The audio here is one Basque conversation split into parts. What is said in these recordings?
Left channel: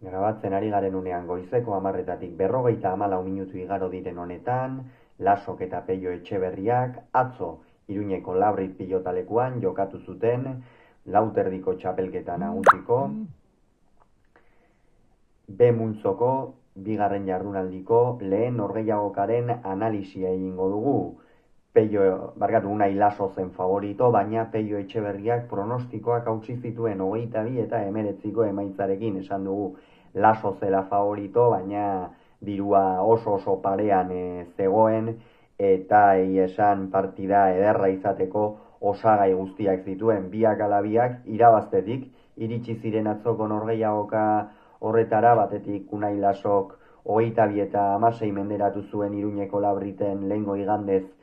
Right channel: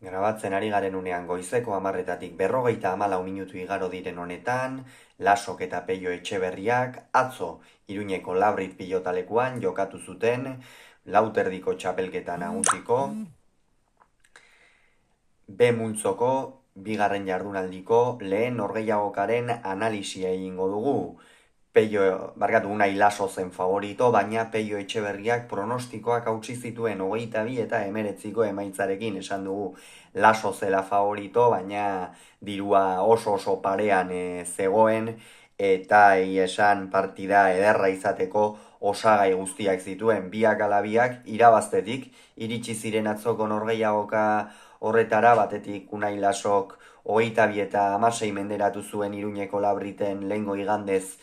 Grabatzen ari garen unean goizeko 10:00 54 minutu igaro diren honetan, Lasok eta Peio Etxeberriak atzo Iruñeko Labrit pilotalekuan jokatu zuten lauterdiko txapelketa nagusiko B multzoko bigarren jardunaldiko lehen norgehiagokaren analisia egingo dugu. Unai Laso zen favorito, baina Peio Etxeberriak pronostikoak hautsi zituen 22 eta 19ko emaitzarekin esan dugu Laso zela favorito, baina dirua oso parean zegoen eta esan partida ederra izateko osagai guztiak zituen biak ala biak irabaztetik iritsi ziren atzoko norgehiagoka horretara, batetik Unai Lasok 22 eta 16 menderatu zuen Iruñeko Labriten lehengo igandez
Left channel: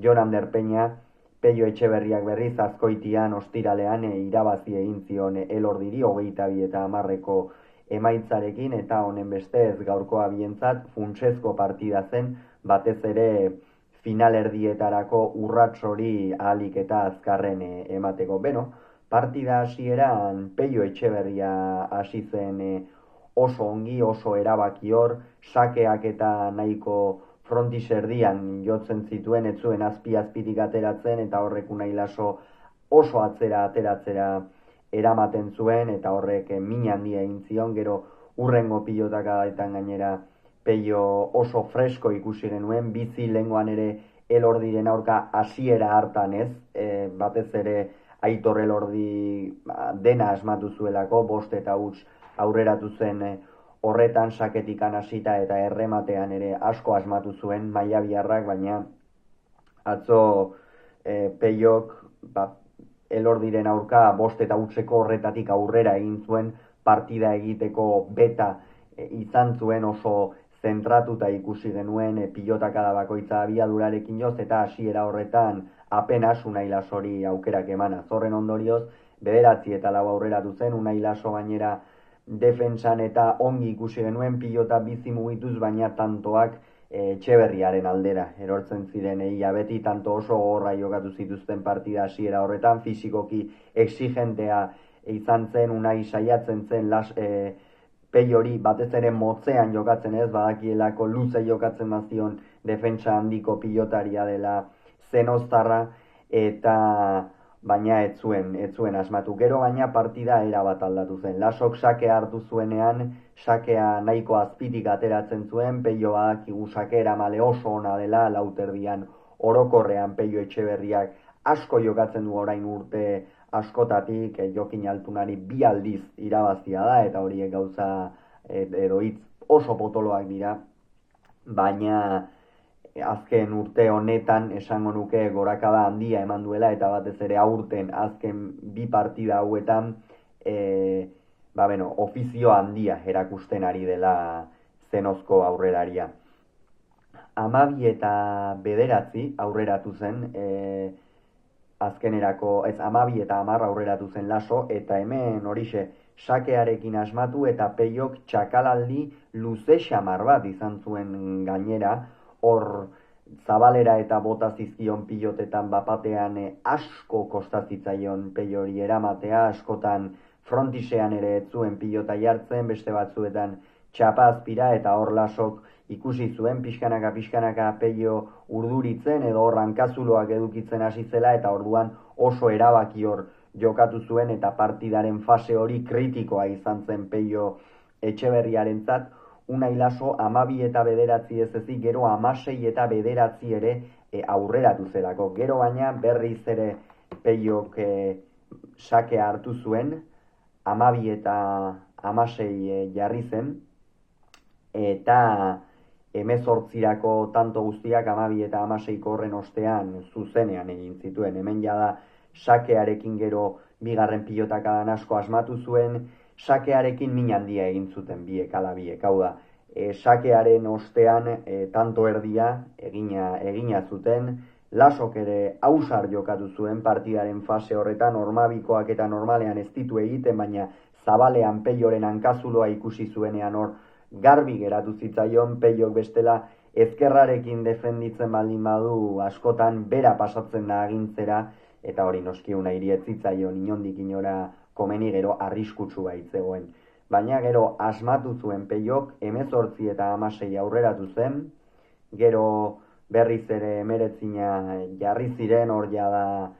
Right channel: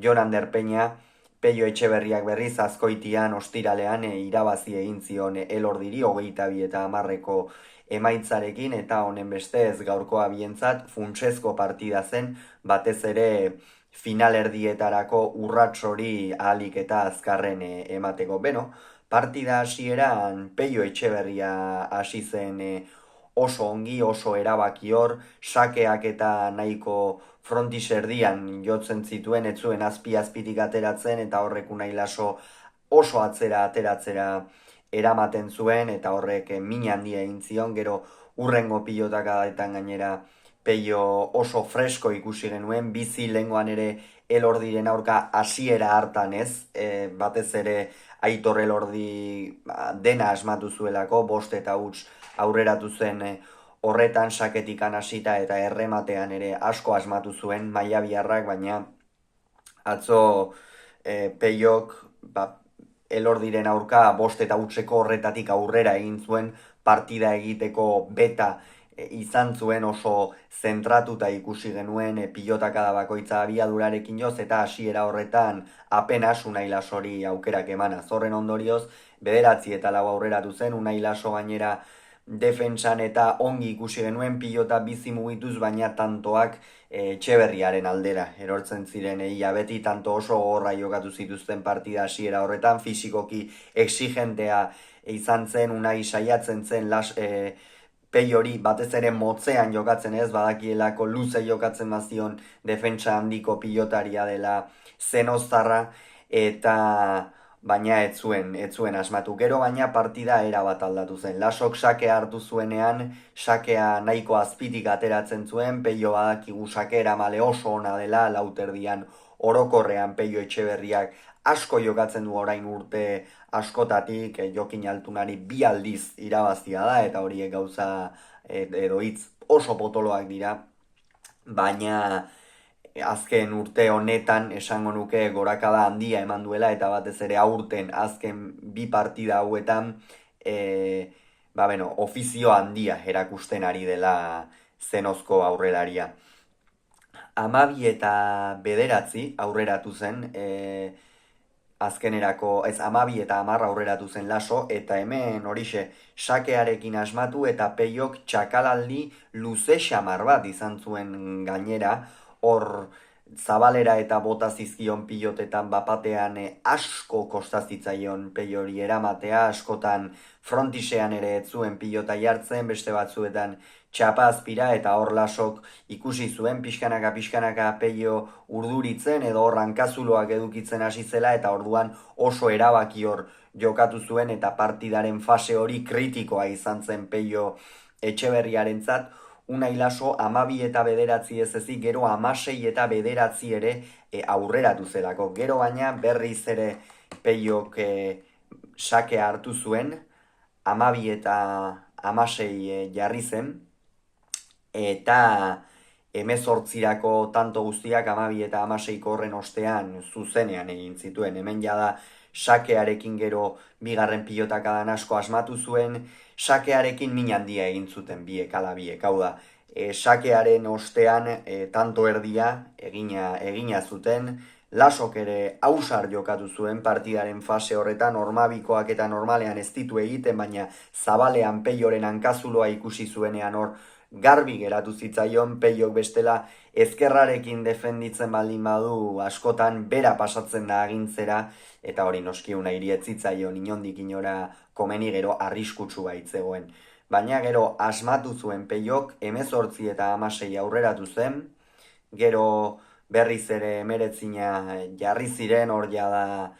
Jon Ander Peña, Peio Etxeberriak berriz Azkoitian ostiralean irabazi egin zion Elordiri 22 eta 10ko emaitzarekin, eta honen bestez gaurkoa bientzat funtsezko partida zen, batez ere finalerdietarako urrats hori ahalik eta azkarren emateko. Partida hasieran Peio Etxeberria hasi zen oso ongi, oso erabakior, sakeak eta nahiko frontis erdian jotzen zituen, ez zuen azpitik ateratzen, eta horrek Unai Laso oso ateratzera eramaten zuen, eta horrek min handia egin zion. Gero urrengo pilotakaetan gainera Peio oso fresko ikusi genuen, bizi lehengoan ere Elordiren aurka hasiera hartan ez, batez ere Aitor Elordi dena asmatu zuelako, 5 eta huts aurreratu zen horretan, saketikan hasita eta errematean ere asko asmatu zuen maiabiarrak, baina atzo Peiok Elordiren aurka 5 eta hutseko horretatik aurrera egin zuen, partida egiteko beta izan zuen, oso zentratuta ikusi genuen, pilotakada bakoitza abiadurarekin joz, eta hasiera horretan apenas Unai Lasori aukerak emanaz. Horren ondorioz, 9 eta 4 aurreratu zen, Unai Laso gainera defentsan eta ongi ikusi genuen, pilota bizi mugituz, baina tantoak Etxeberriaren aldera erortzen ziren. Ia beti tanto oso gogorra jokatu zituzten partida hasiera horretan, fisikoki exigentea izan zen, Unai saiatzen zen Peiori batez ere motzean jokatzen, ez badakielako luze jokatzen bazion defentsa handiko pilotaria dela Zenoztarra, eta baina ez zuen asmatu. Gero baina partida erabat aldatu zen. Lasok sakea hartu zuenean, sakea nahiko azpitik ateratzen zuen, Peio badakigu sakera male oso ona dela, lauterdian orokorrean Peio Etxeberriak asko jokatzen du orain urte askotatik, Jokin Altunari 2 aldiz irabazia da, eta horiek gauza edo hitz oso potoloak dira, baina azken urte honetan esango nuke gorakada handia eman duela, eta batez ere aurten azken 2 partida hauetan ofizio handia erakusten ari dela Zenozko aurrelaria. 12 eta 9 aurreratu zen, azkenerako, ez 12 eta 10 aurreratu zen Laso, eta hemen horixe sakearekin asmatu, eta Peiok txakalaldi luze xamar bat izan zuen gainera, hor zabalera eta bota zizkion pilotetan bapatean asko kostazitzaion Peiori eramatea, askotan frontisean ere ez zuen pilota jartzen, beste batzuetan txapa azpira, eta hor Lasok ikusi zuen pixkanaka Peio urduritzen, edo hor hankazuloak edukitzen hasi zela, eta orduan oso erabakior jokatu zuen, eta partidaren fase hori kritikoa izan zen Peio Etxeberriarentzat. Unai Laso 12 eta 9 ez ezik, gero 16 eta 9 ere aurreratu zelako. Gero baina berriz ere Peiok sakea hartu zuen, 12 eta 16 jarri zen, eta 18rako tanto guztiak 12 eta 16ko horren ostean zuzenean egin zituen. Hemen jada sakearekin gero bigarren pilotakadan asko asmatu zuen, sakearekin min handia egin zuten biek ala biek, hau da, sakearen ostean tanto erdia egina zuten. Lasok ere ausar jokatu zuen partidaren fase horretan, normabikoak eta normalean ez ditu egiten, baina zabalean Peioren hankazuloa ikusi zuenean hor garbi geratu zitzaion, Peiok bestela ezkerrarekin defenditzen baldin badu askotan bera pasatzen da agintzera, eta hori noski Unairi ez zitzaion inondik inora komeni, gero arriskutsu baitzegoen. baina gero asmatu zuen Peiok 18 eta 16 aurreratu zen, gero berriz ere 19 jarri ziren, hor da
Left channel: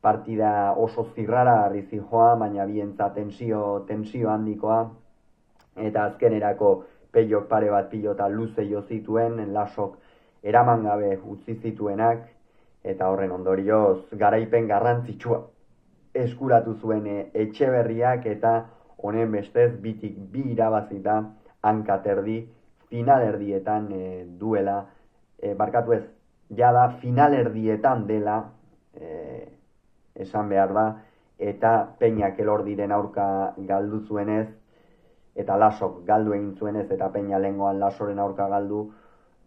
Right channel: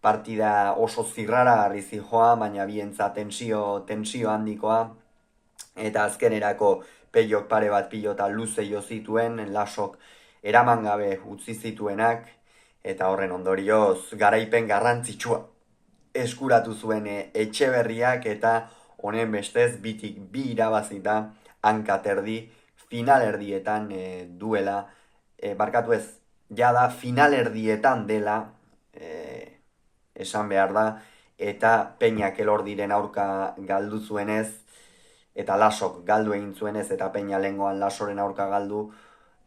partida oso zirraragarri zijoa, baina bientza tensio handikoa, eta azkenerako Peiok pare bat pilota luze jo zituen, Lasok eraman gabe utzi zituenak, eta horren ondorioz garaipen garrantzitsua eskuratu zuen Etxeberriak, eta honen bestez bitik bi irabazita hankaterdi finalerdietan duela, barkatu ez, jada finalerdietan dela, esan behar da, eta Peñak Elordiren aurka galdu zuenez, eta Lasok galdu egin zuenez, eta Peña lehengoan Lasoren aurka galdu,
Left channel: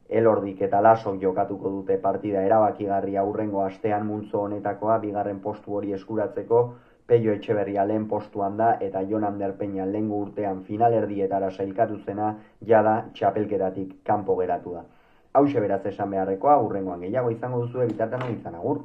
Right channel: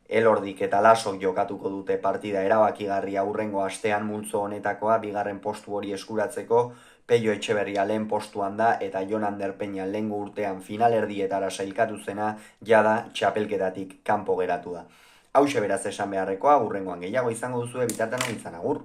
Elordik eta Lasok jokatuko dute partida erabakigarria hurrengo astean multzo honetakoa, bigarren postu hori eskuratzeko. Pello Etxeberria lehen postuan da, eta Jon Ander Peña lehengo urtean finalerdietara sailkatu zena, jada txapelketatik kanpo geratu da. Hauxe beraz esan beharrekoa, hurrengoan gehiago izango duzue, bitartean hori izan, agur.